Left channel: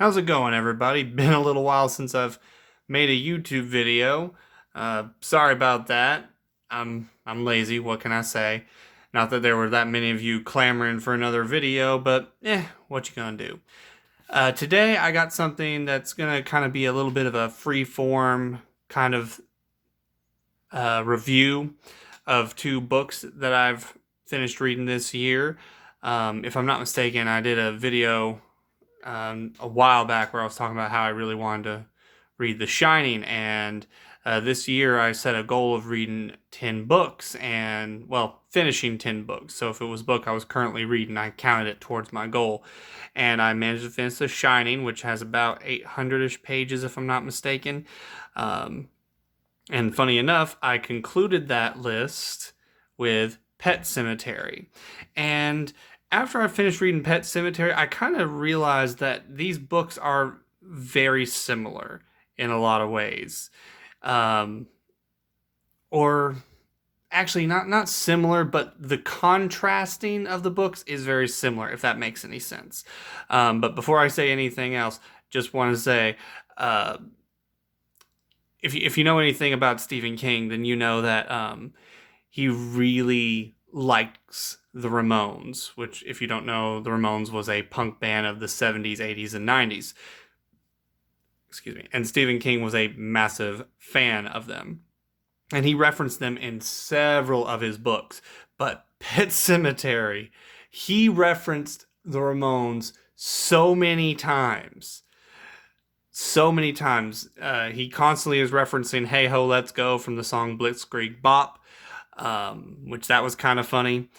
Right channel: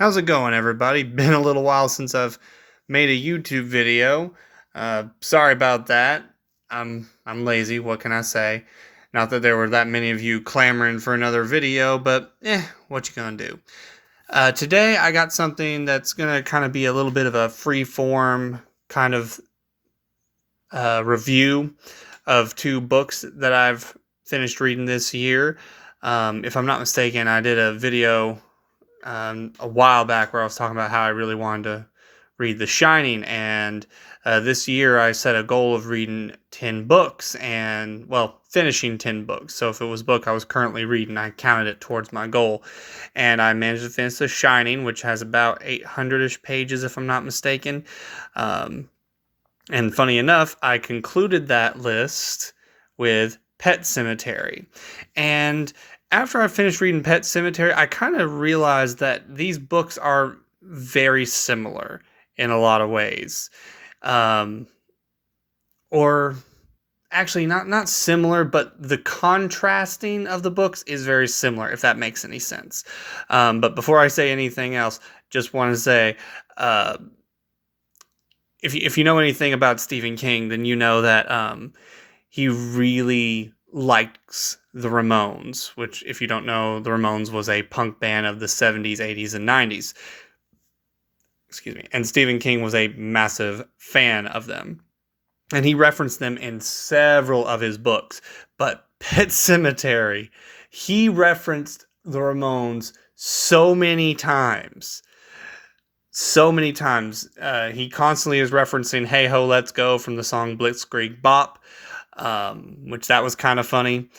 How's it going, everybody? Been a little while since I've made a YouTube video. Sorry about that. I'm lazy. What can I say? Not that there were that many of you clamoring for another video, but what you gonna do? Today I got something that's gonna kind of be a little bit of a free form kind of review of two books that I've finished reading this year. If I'm not mistaken, I did a video a while back where I was talking about how I really wanted to read The Shining, and this year I set a goal of reading 10 books and, well, finishing 10 books. So if it was a book I was currently reading, I counted it towards my goal. And I managed to finish The Shining, which has about 800-ish pages, if I'm not mistaken. Um, and funny enough, I concluded that list with Pet Cemetery. And after I finished reading Pet Cemetery, I kind of realized that these books are very similar in a lot of ways. Um, or actually not similar, but the contrasting of the books is very similar, if that makes any sense. But before I say anything else, just want to say, uh, if you know anything about Stephen King, then you know that he really likes the Ramones, which, if you don't know, the Ramones was a punk band of the 70s, 80s, and 90s. Excuse me. And Stephen King was a massive fan of them. And he referenced them in several of his books. But Pet Cemetery, he referenced the Ramones so many times. So many times. He constantly is referencing Hey Ho, Let's Go from the song Blitzkrieg Bop, which that was kind of funny.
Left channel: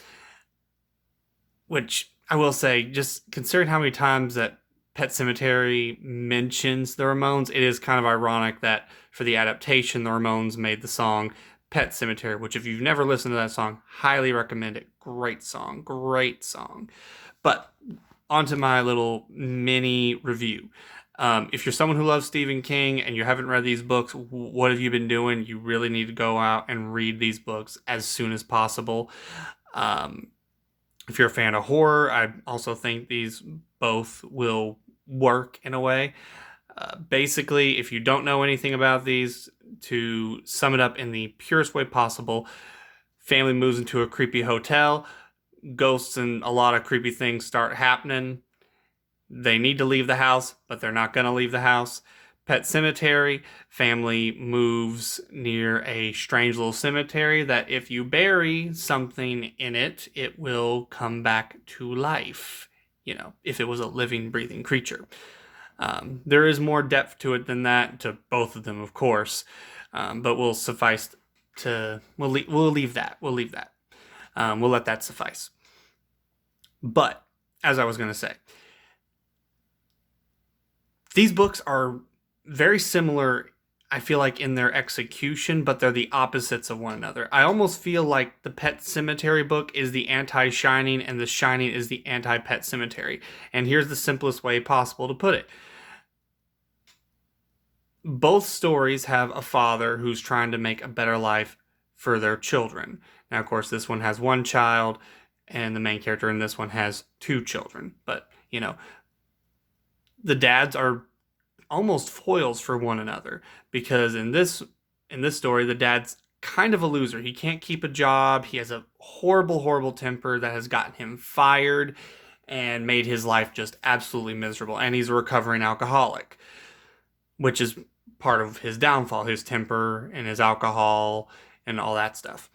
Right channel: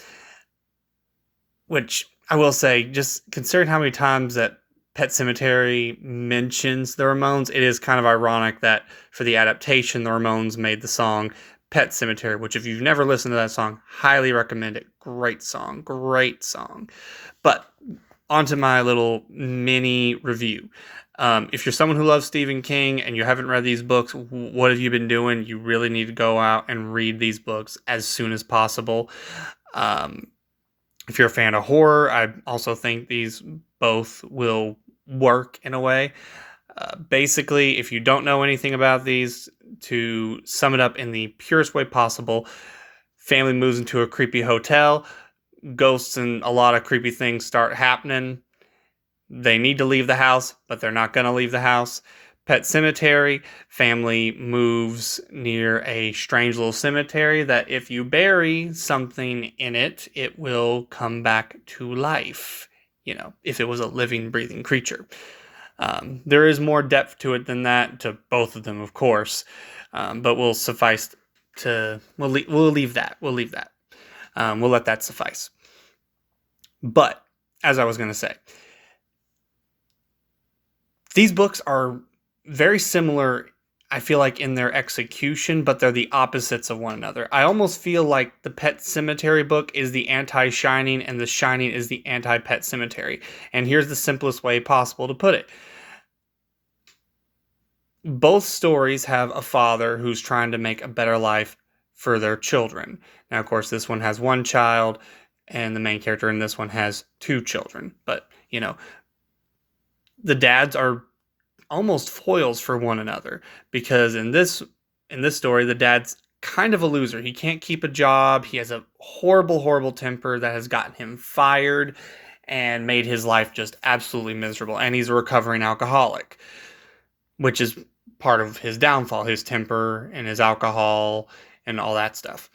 Which I will say, just considering how many times that Pet Cemetery mentions the Ramones, it is kind of ironic that for the adaptation, the Ramones made the song Pet Cemetery, which if you've never listened to that song, highly recommend it. Great song, great song. But onto my little mini review. If you're someone who loves Stephen King and you haven't read these books, what have you been doing? You really need to go out and read these books as soon as possible. If you're a fan of horror, I also think these both will work in a way. Basically, if you don't know anything about these, to sum it up in the purest way possible, family moves into a creepy hotel, ghosts and a lot of creepy things start happening. They need to leave the house, but they're not going to leave the house. Pet Cemetery, family moves near a strange little cemetery that if you bury something in it, it will come back to life. You know, if it was a living, breathing creature. There is more depth to it than that, to both of them, of course. But we'll suffice to, we'll leave that. We'll leave that. We'll let that suffice. But, as I was going to say, these books are very similar, I feel like, in their execution, but they're the opposites of one another. I almost feel like the Pet Cemetery book is the anti-Shining, and the Shining is the anti-Pet Cemetery. And here's the simplest way possible to put it. Both stories have a father who's trying to make a better life for their children. Now, of course, this one has one child, and the main character in this one has two children. But, you know, the dads are almost foils for one another, because in this story, the dad's kind of a loser. He can't keep a job. He has a horrible temper that has gotten him fired and made his life just absolutely miserable. And he's a recovering alcoholic, which is part of his downfall, his temper and his alcohol and all that stuff.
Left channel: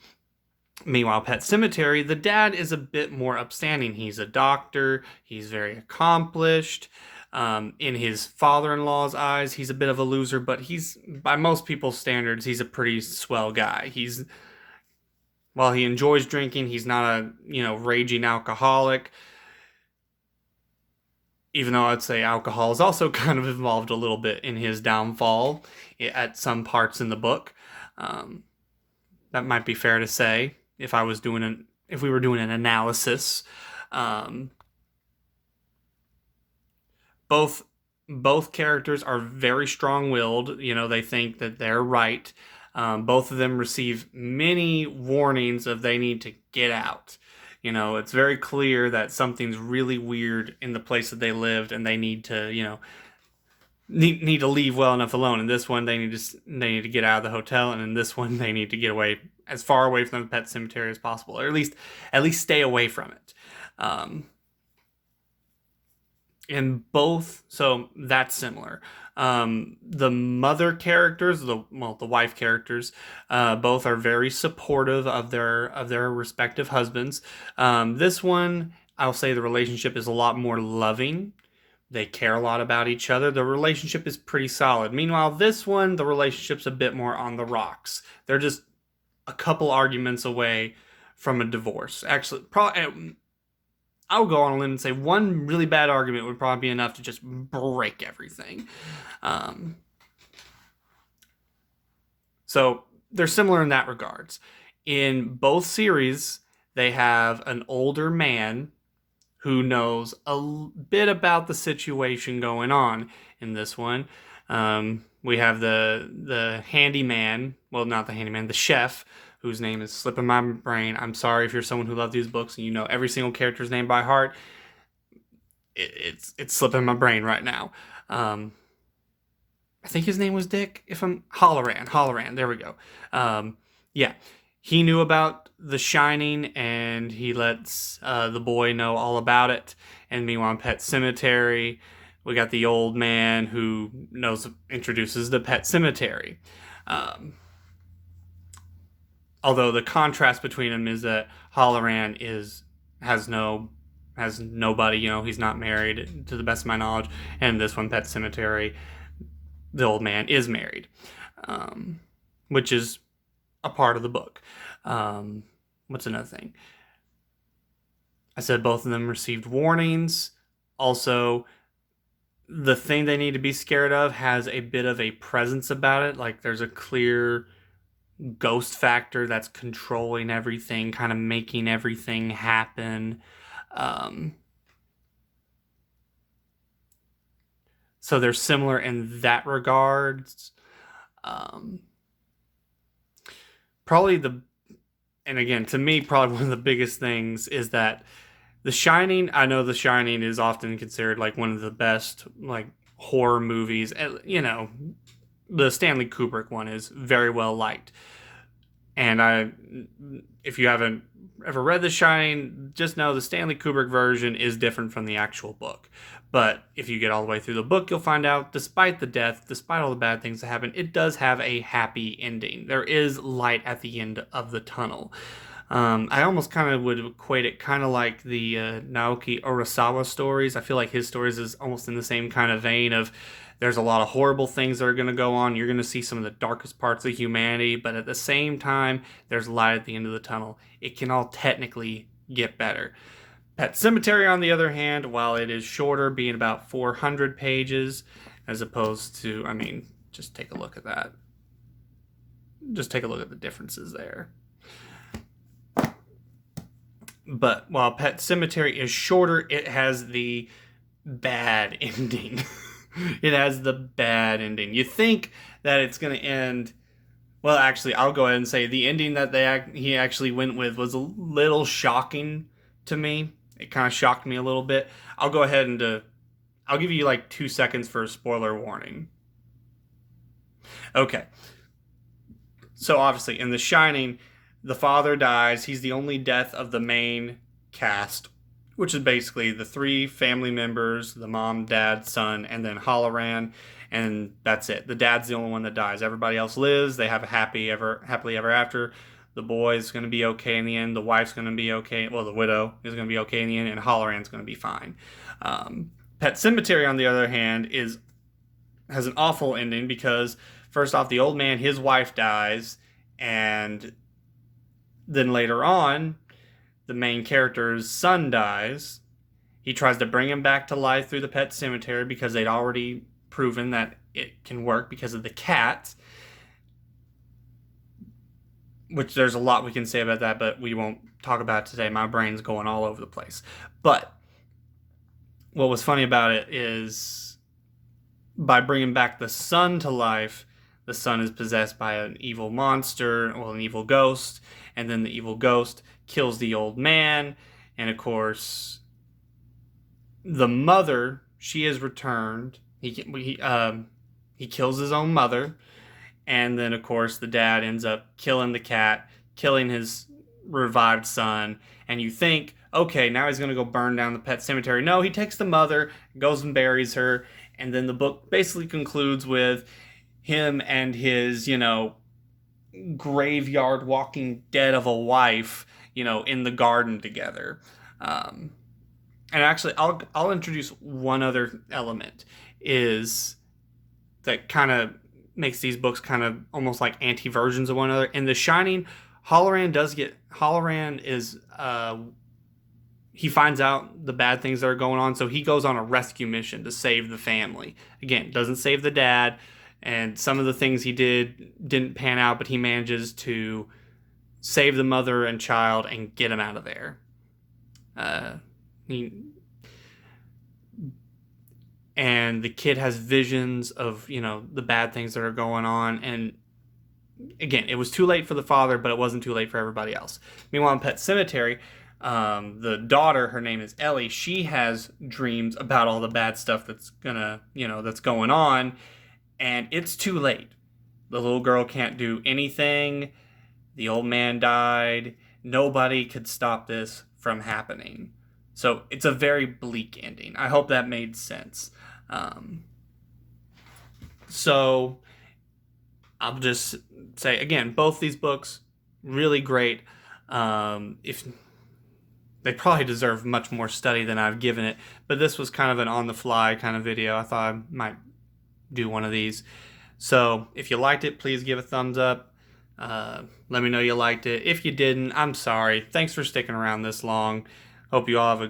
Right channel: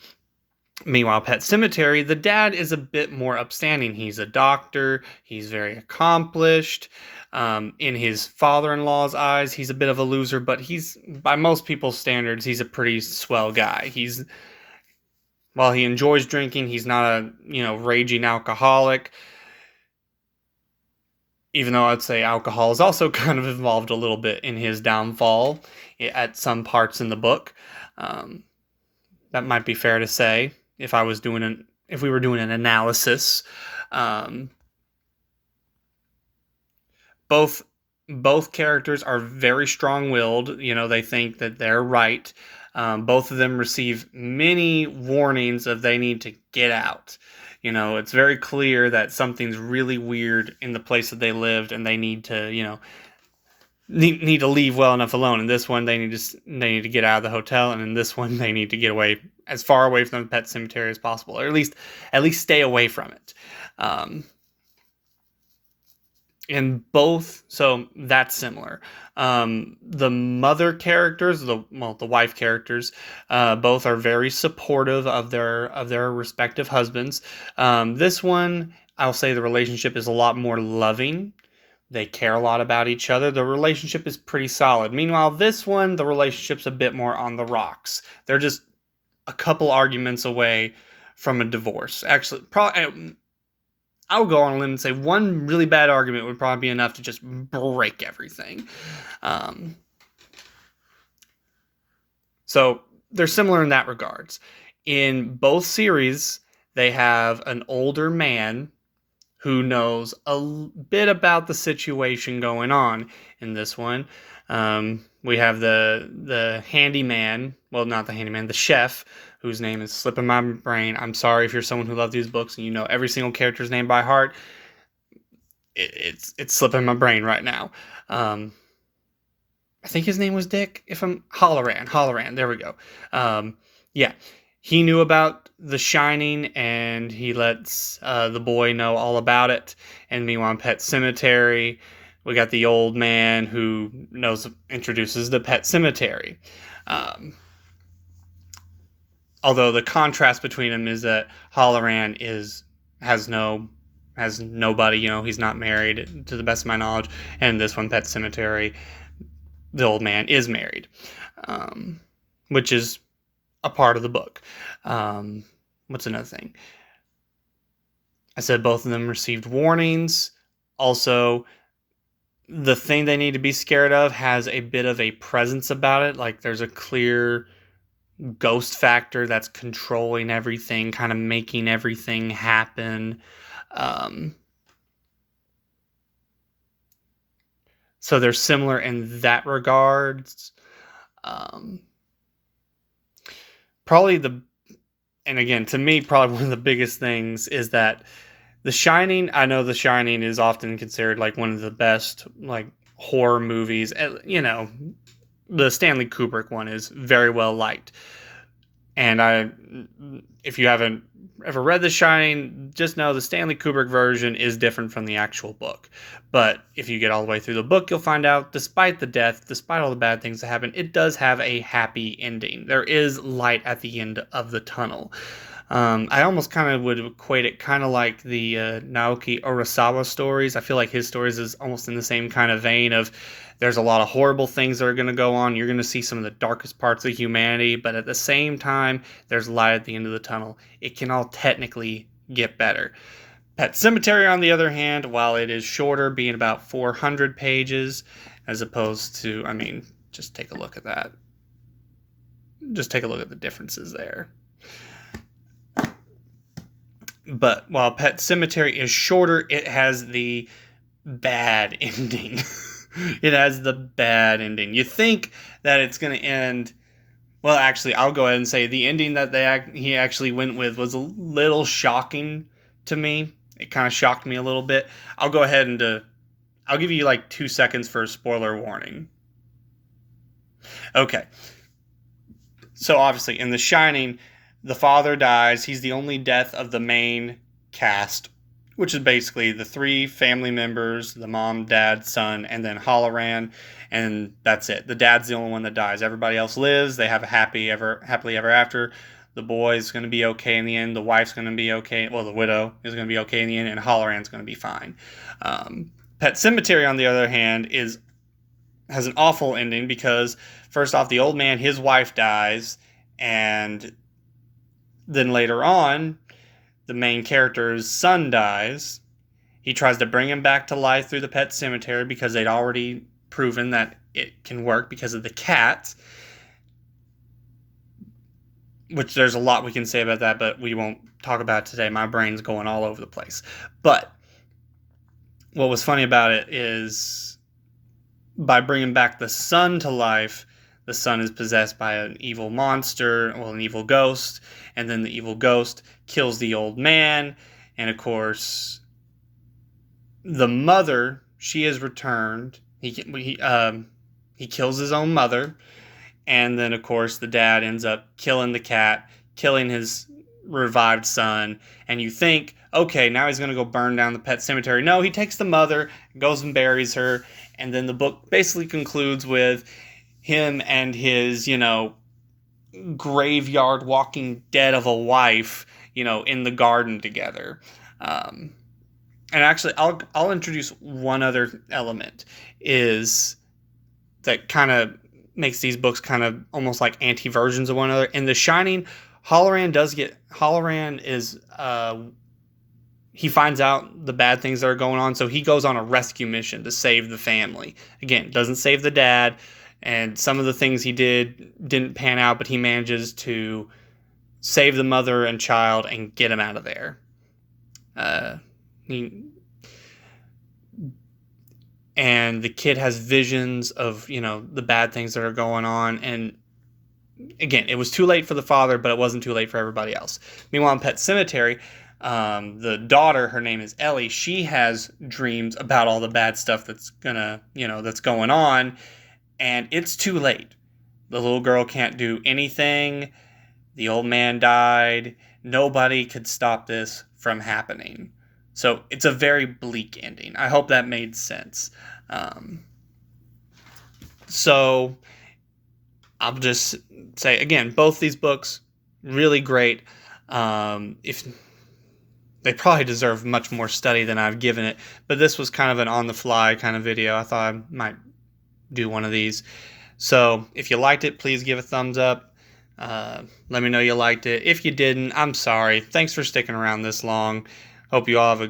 Meanwhile, Pet Cemetery, the dad is a bit more upstanding. He's a doctor. He's very accomplished. In his father-in-law's eyes, he's a bit of a loser, but he's, by most people's standards, he's a pretty swell guy. While he enjoys drinking, he's not a, raging alcoholic. Even though I'd say alcohol is also kind of involved a little bit in his downfall at some parts in the book. That might be fair to say if we were doing an analysis. Both characters are very strong-willed. They think that they're right. Both of them receive many warnings of they need to get out. It's very clear that something's really weird in the place that they lived, and they need to, need to leave well enough alone. In this one, they need to get out of the hotel, and in this one, they need to get away as far away from the pet cemetery as possible, or at least stay away from it. Um, in both, so that's similar. The mother characters, the wife characters, both are very supportive of their respective husbands. This one, I'll say the relationship is a lot more loving. They care a lot about each other. The relationship is pretty solid. Meanwhile, this one, the relationship's a bit more on the rocks. They're just a couple arguments away from a divorce. Actually, probably I'll go on a limb and say one really bad argument would probably be enough to just break everything. Um, so they're similar in that regards. In both series, they have an older man who knows a bit about the situation going on. In this one, we have the handyman. Well, not the handyman, the chef, whose name is slipping my brain. I'm sorry if you're someone who loves these books and you know every single character's name by heart. It's slipping my brain right now. I think his name was Dick. If I'm Halloran. There we go. Yeah, he knew about The Shining, and he lets the boy know all about it. And meanwhile, in Pet Cemetery, we got the old man who introduces the Pet Cemetery. Although the contrast between them is that Halloran has nobody. He's not married to the best of my knowledge, and this one, Pet Cemetery, the old man is married, which is a part of the book. What's another thing? I said both of them received warnings. Also, the thing they need to be scared of has a bit of a presence about it. Like there's a clear ghost factor that's controlling everything, kind of making everything happen. So they're similar in that regards. And again, to me, probably one of the biggest things is that The Shining, I know The Shining is often considered like one of the best like horror movies. The Stanley Kubrick one is very well liked. And if you haven't ever read The Shining, just know the Stanley Kubrick version is different from the actual book. But if you get all the way through the book, you'll find out, despite the death, despite all the bad things that happen, it does have a happy ending. There is light at the end of the tunnel. I almost kind of would equate it kind of like the Naoki Urasawa stories. I feel like his stories is almost in the same kind of vein of there's a lot of horrible things that are going to go on. You're going to see some of the darkest parts of humanity, but at the same time, there's light at the end of the tunnel. It can all technically get better. Pet Cemetery, on the other hand, while it is shorter, being about 400 pages, as opposed to, just take a look at that. Just take a look at the differences there. But while Pet Cemetery is shorter, it has the bad ending. It has the bad ending. You think that it's going to end... Well, actually, I'll go ahead and say the ending that he actually went with was a little shocking to me. It kind of shocked me a little bit. I'll go ahead and I'll give you like 2 seconds for a spoiler warning. Okay. So obviously, in The Shining, the father dies. He's the only death of the main cast, which is basically the 3 family members, the mom, dad, son, and then Halloran, and that's it. The dad's the only one that dies. Everybody else lives. They have a happily ever after. The boy's going to be okay in the end. The wife's going to be okay. Well, the widow is going to be okay in the end, and Halloran's going to be fine. Pet Cemetery, on the other hand, has an awful ending because, first off, the old man, his wife dies, and then later on, the main character's son dies. He tries to bring him back to life through the Pet Cemetery because they'd already proven that it can work because of the cat. Which there's a lot we can say about that, but we won't talk about it today. My brain's going all over the place. But what was funny about it is by bringing back the son to life, the son is possessed by an evil monster, an evil ghost, and then the evil ghost kills the old man, and of course, the mother, she is returned, He kills his own mother, and then of course the dad ends up killing the cat, killing his revived son, and you think, okay, now he's going to go burn down the pet cemetery. No, he takes the mother, goes and buries her, and then the book basically concludes with him and his, graveyard walking dead of a wife, in the garden together. Um, and actually, I'll introduce one other element is that kind of makes these books kind of almost like anti versions of one another. In The Shining, Halloran is he finds out the bad things that are going on, so he goes on a rescue mission to save the family. Again, doesn't save the dad, and some of the things he didn't pan out, but he manages to save the mother and child and get him out of there. He, and the kid has visions of the bad things that are going on, and again, it was too late for the father, but it wasn't too late for everybody else. Meanwhile, in Pet Cemetery, the daughter, her name is Ellie, she has dreams about all the bad stuff that's going on, and it's too late. The little girl can't do anything. The old man died. Nobody could stop this from happening. So it's a very bleak ending. I hope that made sense. So I'll just say again, both these books really great. If they probably deserve much more study than I've given it, but this was kind of an on-the-fly kind of video. I thought I might do one of these. So if you liked it, please give a thumbs up. Let me know you liked it. If you didn't, I'm sorry. Thanks for sticking around this long. Hope you all have a